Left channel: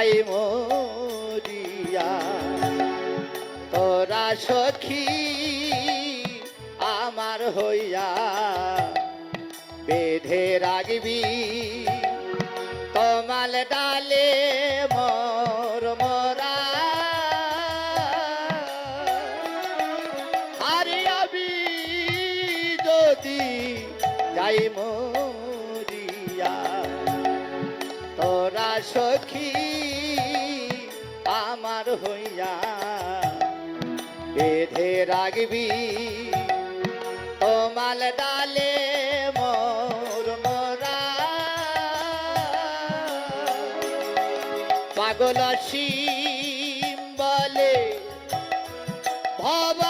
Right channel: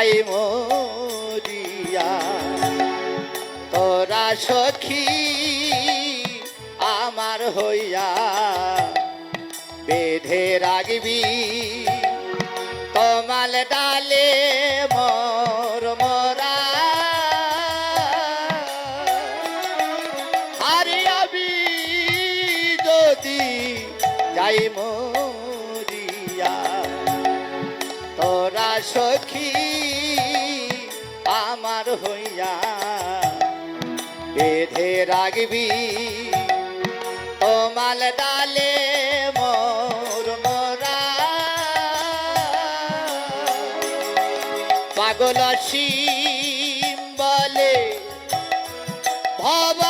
যাই মরিয়া। তোরা সখী আমার হইয়া বেঁধে রাখবি। কমাল ডালে মোর মোরা। আরে আমি যদি যাই মরিয়া তোরা সখী আমার হইয়া বেঁধে রাখবি। কমাল ডালে মোর মোরা। পাগল বলে ভবারে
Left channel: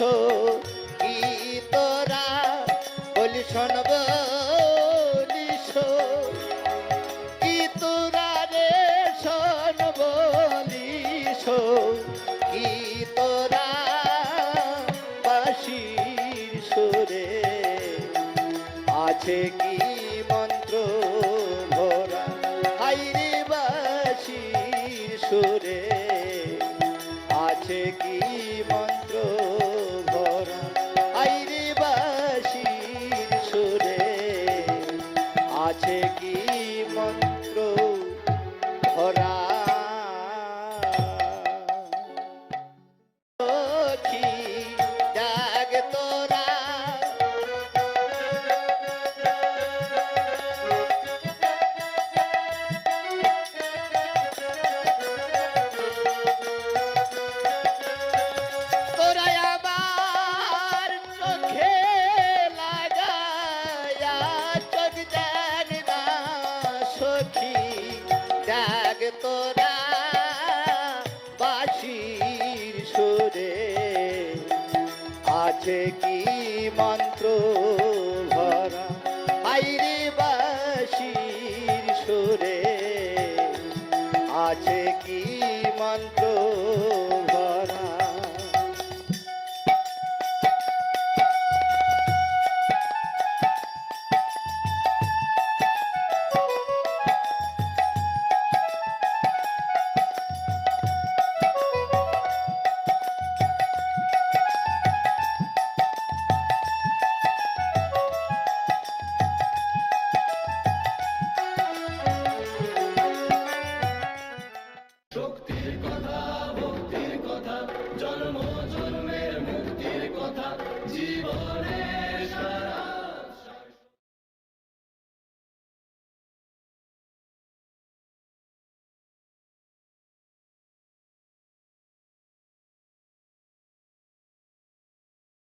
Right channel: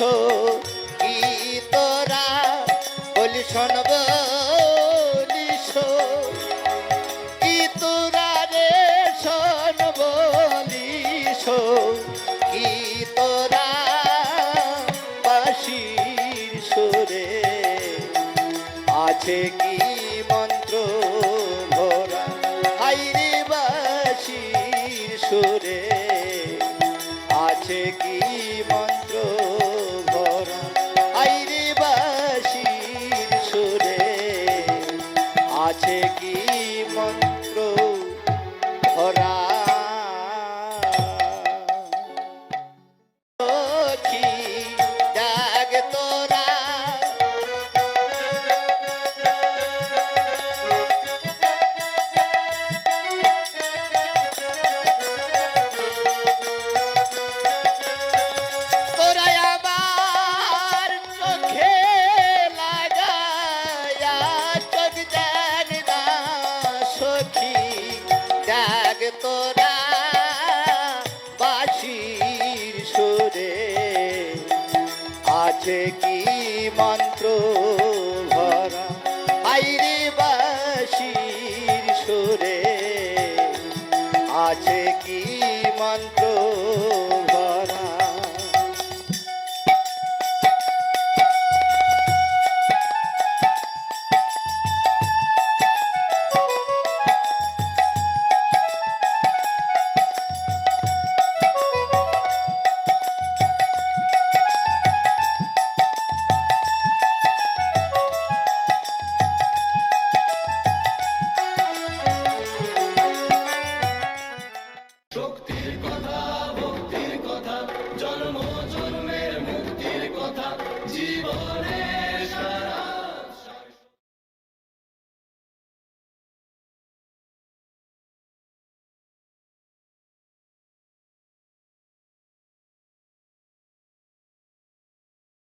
বলিস কি তোরা বলি শোন। বলিস কি তোরা রে, শোন বলিস কি তোরা বাসির সুরে। আছে কি মন্ত্র ভরা? হাইরে বাসির সুরে। আছে কি মন্ত্র আছে কি মন্ত্র? ভরা জাগ তোরা বাসির সুরে। আছে কি মন্ত্র ভরা? আইরে বাসির সুরে। আছে কি মন্ত্র Jesus.